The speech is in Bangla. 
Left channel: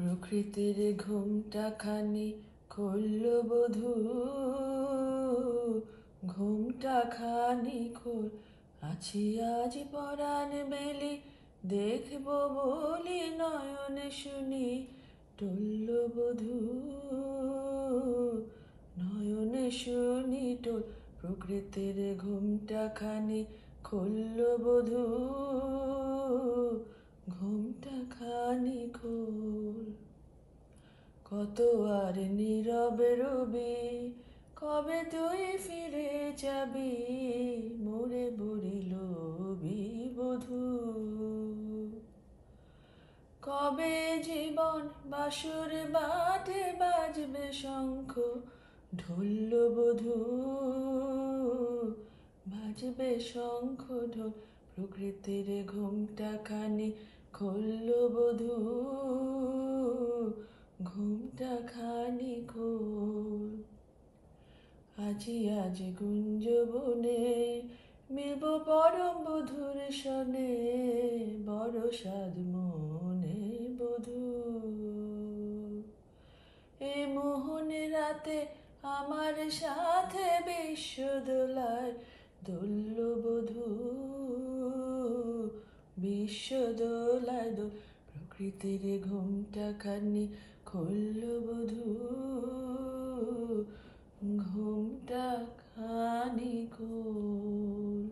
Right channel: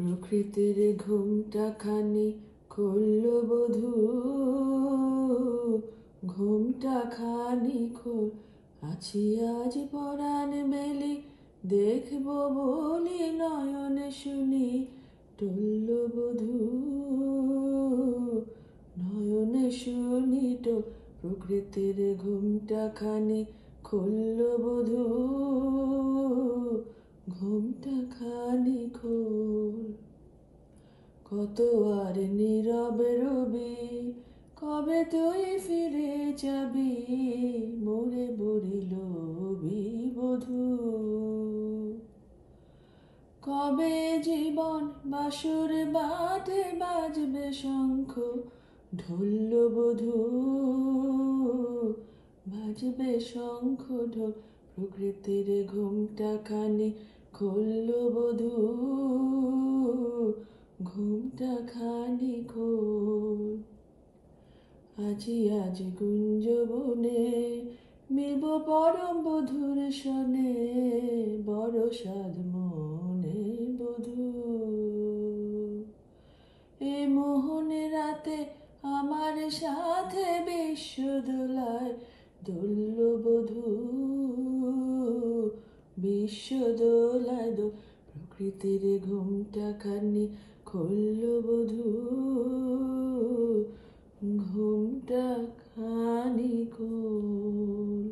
প্রকৃতির ঘুমটা খানি খুলল বধূ, ঘুমটা খানি খোল। আছি আজ পরাণ মেলি, দেখব বলি নয়ন শুনি টলল বধূ, নয়ন শুনি টোল। প্রকৃতির ঘুমটা খানি খুলল বধূ, ঘুমটা খানি খোল। কত আর নীরবে রবি, কবে তুই ফিরে যাবি, মোরে বরিল বধূ। কবে জীবন বাসুর বাঁধে বাজবে শঙ্খ ঢোল বধূ, বাজবে শঙ্খ ঢোল। প্রকৃতির ঘুমটা খানি খুলল বধূ, ঘুমটা খানি খোল। আজি আজ গুঞ্জবনে মিলব পরম বধূর শনে, বড় সাধ মনে বধূ। এ মোহনে রাতে আমার সাথে বিশ্ব দোলায় দোল বধূ, বিশ্ব দোলায় দোল। প্রকৃতির ঘুমটা খানি খুলল বধূ, ঘুমটা খানি খোল।